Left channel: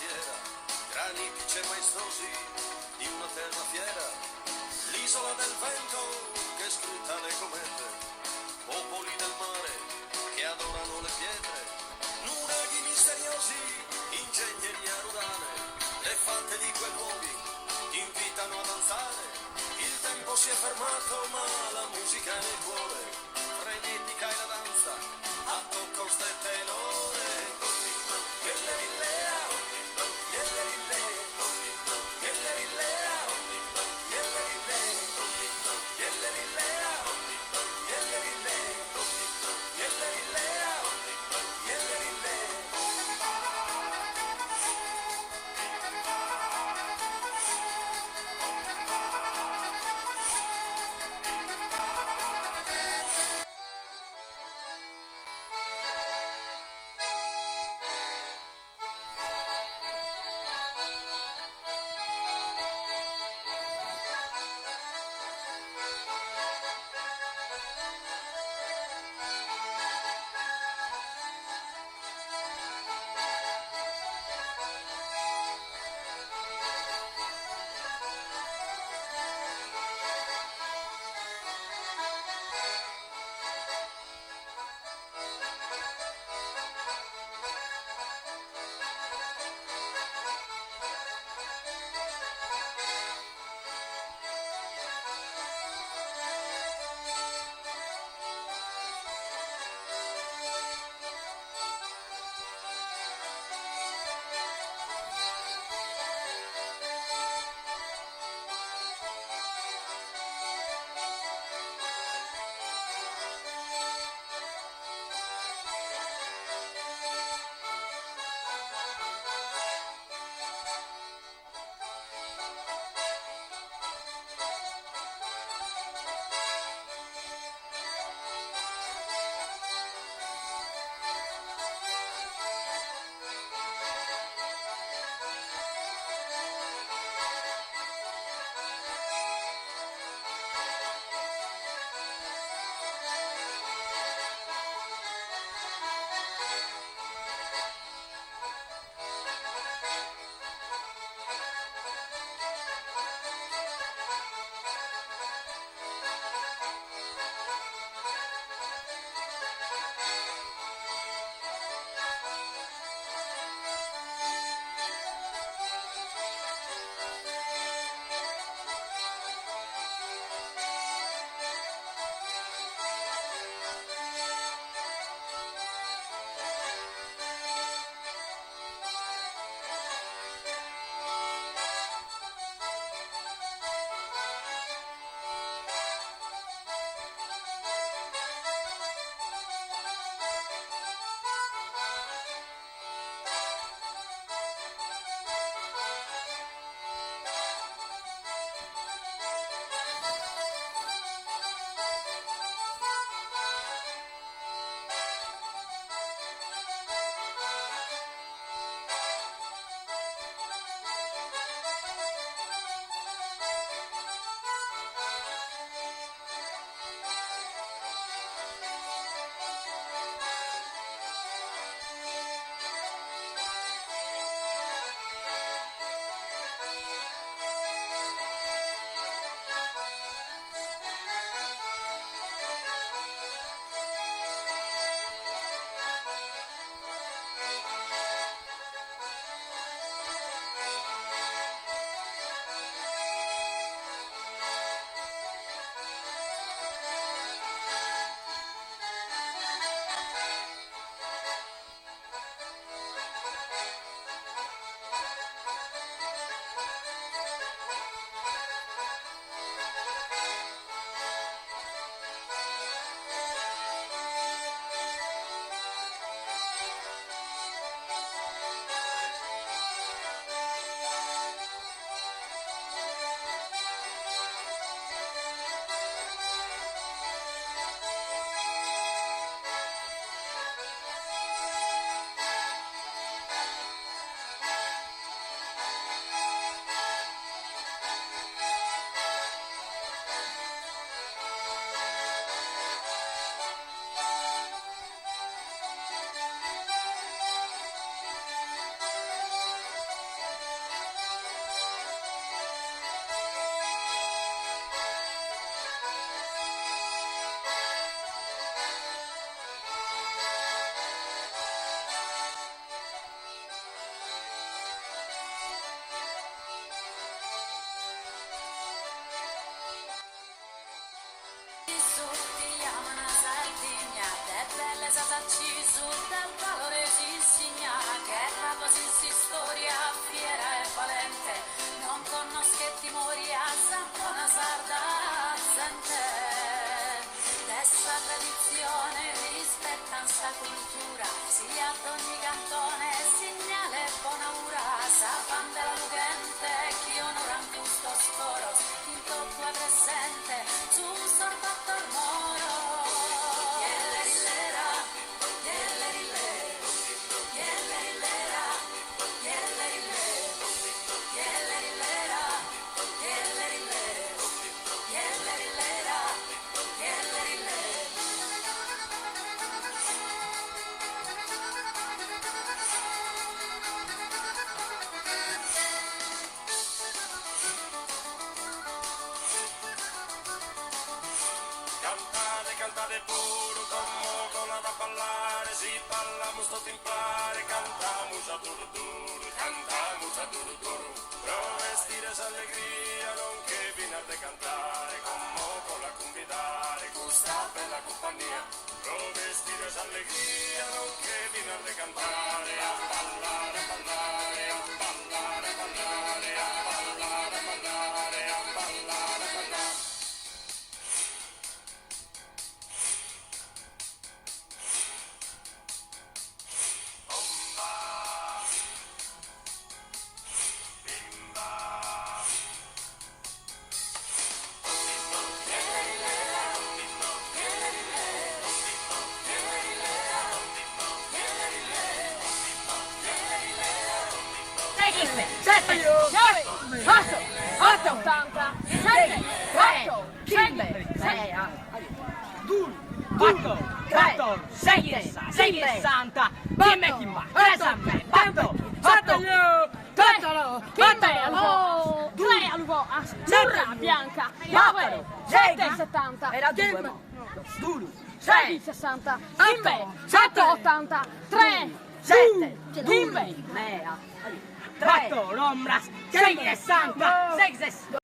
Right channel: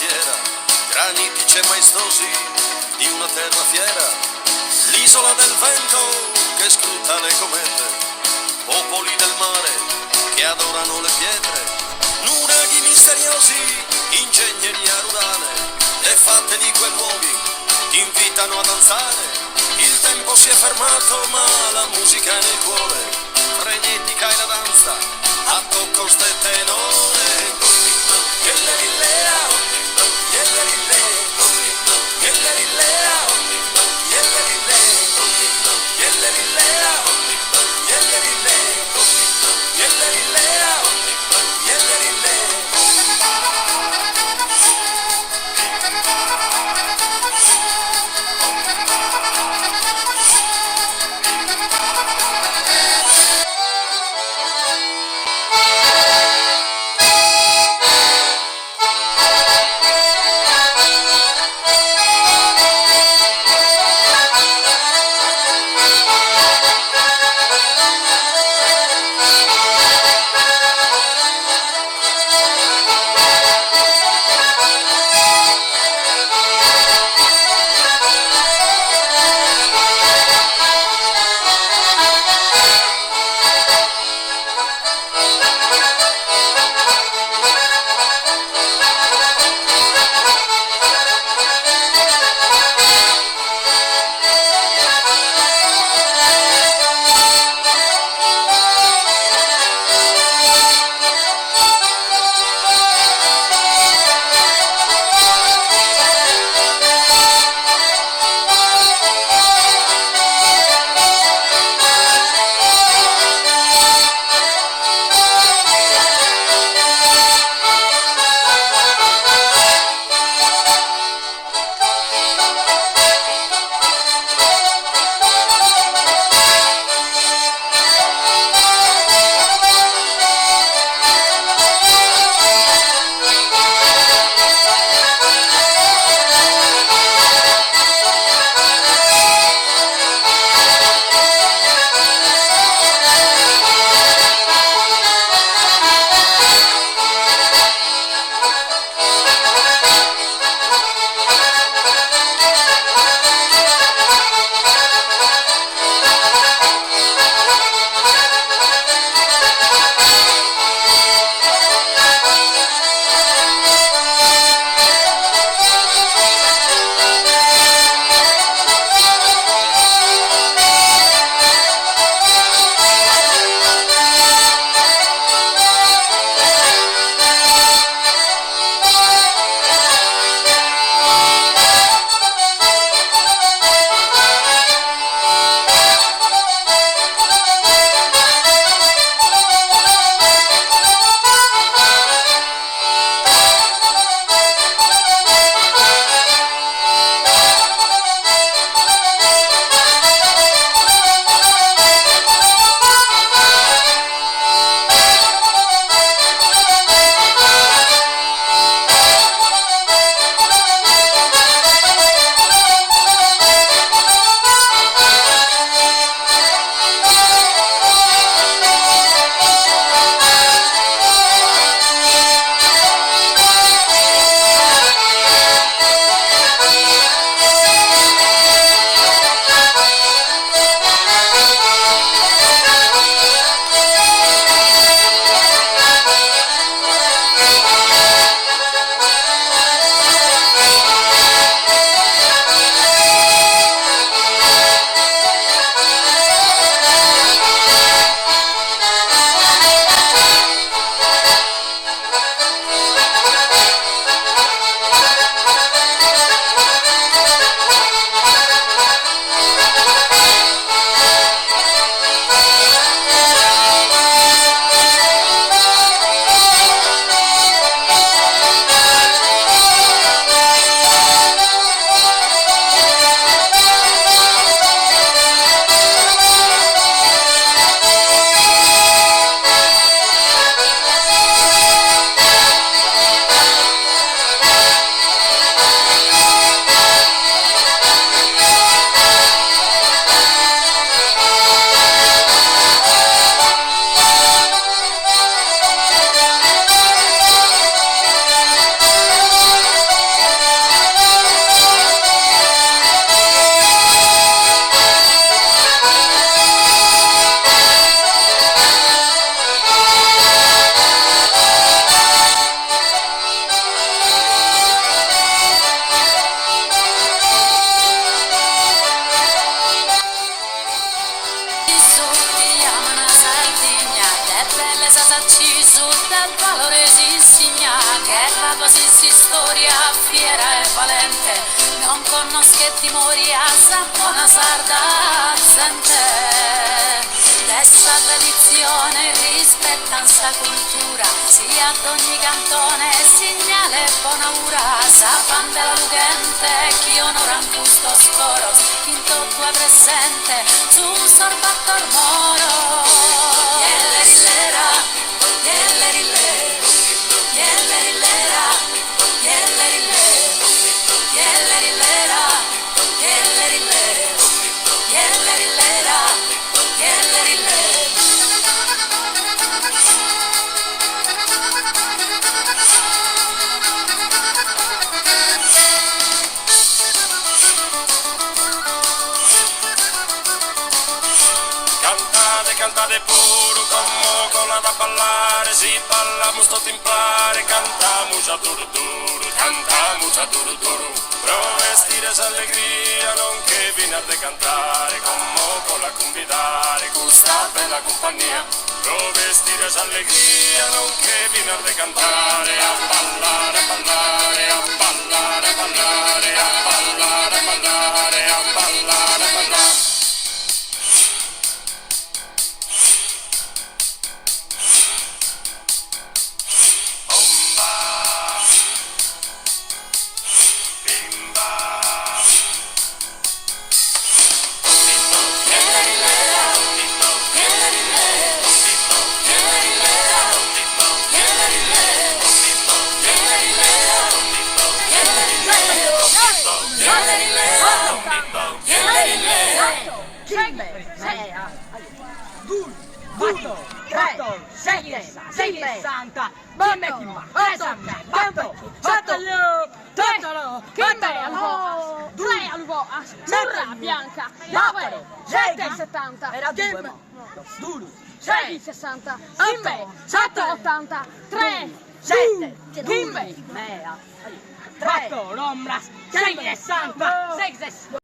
preghiera, granitici e maestosi di una terra fiera, l'isola del vento che scruta le comete, popoli del mare che adorano le pietre, nuraghi misteriosi, ingegneria rurale, le fatte di quei luoghi ti invitano a danzare. Il tempo si è fermato ma la musica è nel cuore, frenetica è la danza, a tocco ste tenore. conosco che ti mori a buona sarda sente dessa tradizione rispetta sta cultura sia ad ogni cantone segnale buona ura sa fan della lugente chi onora in questo scoro in tutto è presente su un sorbattor moro Cantate pure come cola da ballare, si balla sto timpare, cantamus a duro duro, cantamus a duro duro. Pro vestire s'allegria, non che viene a cantare, come cola convidare, questa bella compagnia. Pro vestire s'allegria, non che viene a cantare, a ballare, a ballare, a ballare, a ballare, a ballare, a ballare, a ballare, a ballare. Bianca, 9, 7, 70, era 2, 6, 60, 7, 80, 3, 7, 2, 4, Rombras, 6, 60, 6, 60.